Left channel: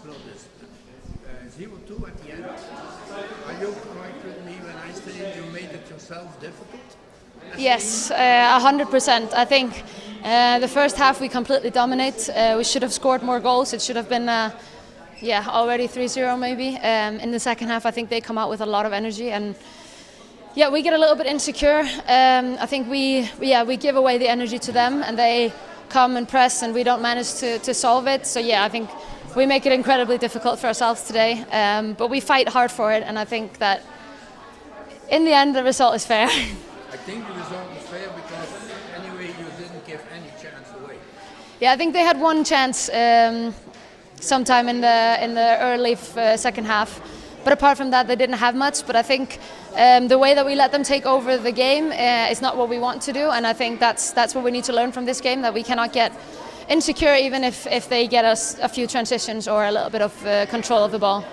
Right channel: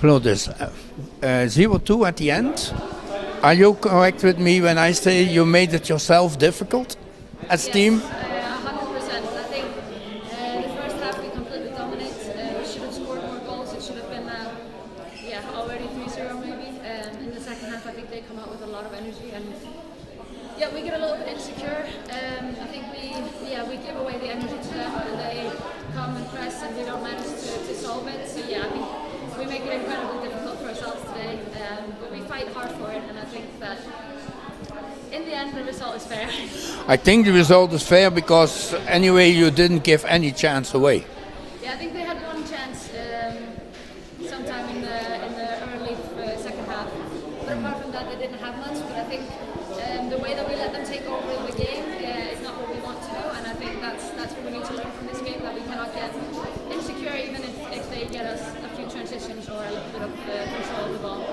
Glódis, 0-2 at the end. Are you correct with me when I say you made it yourself difficult as a team? Yes, 100%. I think the first half we completely dominate. We should have scored more goals. It should have been already 3-0 maybe. In the second half I think they come out with a lot of energy, and we get a little bit insecure. I think we give away the energy to them and they come and press and we don't manage to solve it. So I think we make it incredibly difficult for ourselves today, but we fight hard for it, and I think that in the end the result is fair. I think the result is fair because anyway you didn't give any chance away. Yeah, I think they had one chance sometime in the early second half, but apart from that they didn't have much. But I think the way that we let them take over the game is not what we want to do, and I think that's what we need to learn from this game, that we cannot get insecure even if they get us a few transitions or a little bit of control of the ball.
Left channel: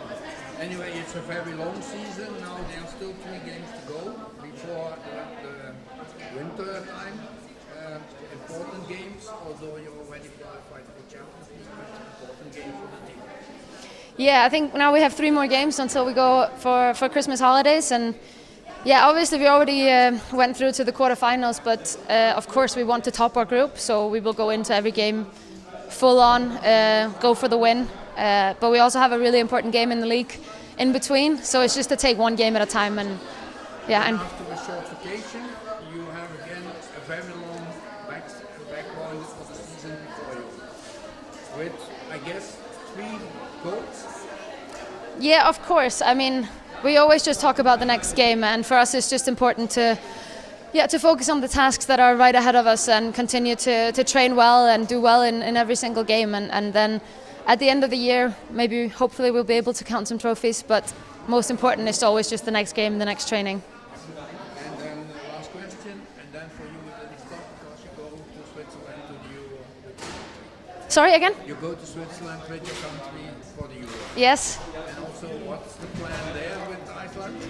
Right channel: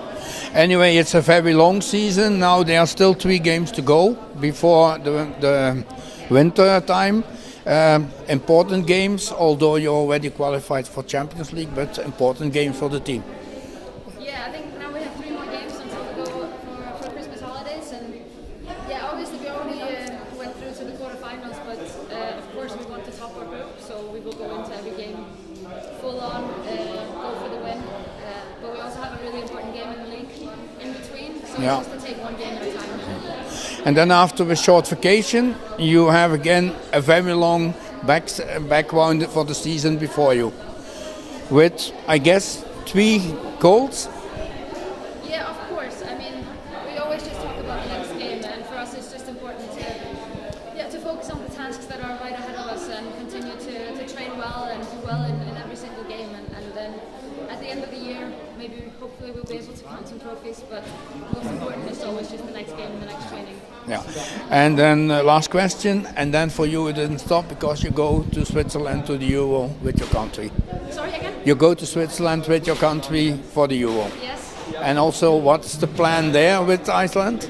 Anyway, it's a very long season. Now there are still 3 games to go before the winter time. Important games, although you already qualified for Champions League, but important games for the team. Yeah, I think now we have 3 more games until we go for Christmas holidays, and obviously we already went through to the quarterfinals, but of course we want to top our group, so we will go into every game full on, go for the win. But we also have a really important game in the league in between, so it's just to take one game at a time. And then after a short vacation, you have again a very long background for the season before you, with I guess 3 goals. Yeah, of course. I mean, we always just talk about the next game, and for us it's just important to focus on the tasks that are right ahead of us and continue to train well and do well in every single game, and then at the end of the year maybe hopefully we'll be able to count some trophies, but most important is always just the next game, the next training. Yeah, and then last question, and then for you it didn't stop because you go to Switzerland to the Euro with your country. Sorry, again? You go to Switzerland with your country for the Euro. Yes. And also, what's the plan there with Iceland?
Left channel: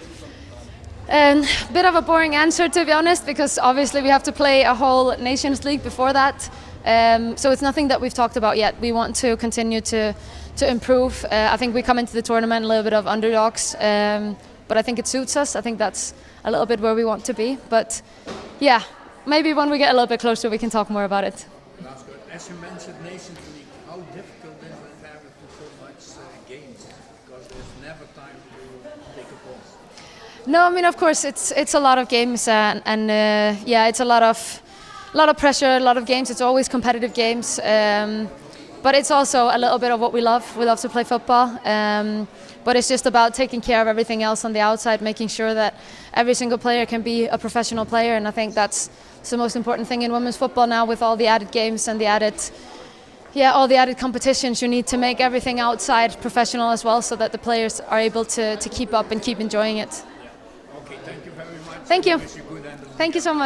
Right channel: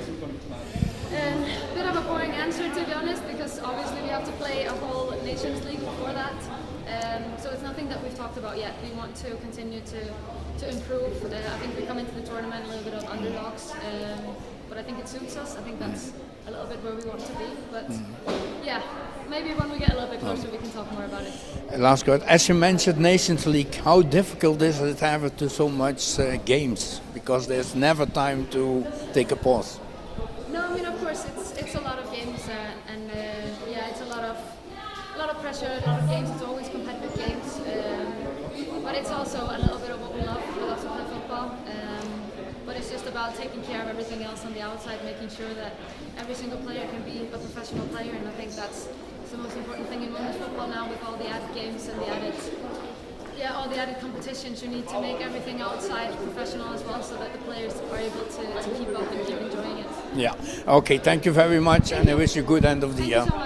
Bit of a boring answer, to be honest, because obviously we have to play a whole Nations League before that. So it's nothing that we've talked about yet. We want to continue to improve. I think we come into the tournament a little bit of underdogs, but I think it suits us. I think that's a little bit where we want to be. But maybe when we get a little bit closer we can talk more about it. Last question. As you mentioned Nations League, how difficult is it to have to so much games? Because there's never time to take a pause. No, I mean, of course it's a lot of games, and it's a lot of pressure, a lot of games. It's always competitive games, but it's also a little bit of what we love. We love to play football, but it's just about taking care of everything else on the outside, making sure that every single player can be a professional player, and I think that's the most important thing in women's football now, with all the added games and all the added competitions. You need to make everything outside professional as well, so that the players are able to keep up and keep enjoying it. Yeah. Okay. Thank you very much. Thank you. I wish you a good end of the year. Thank you so much.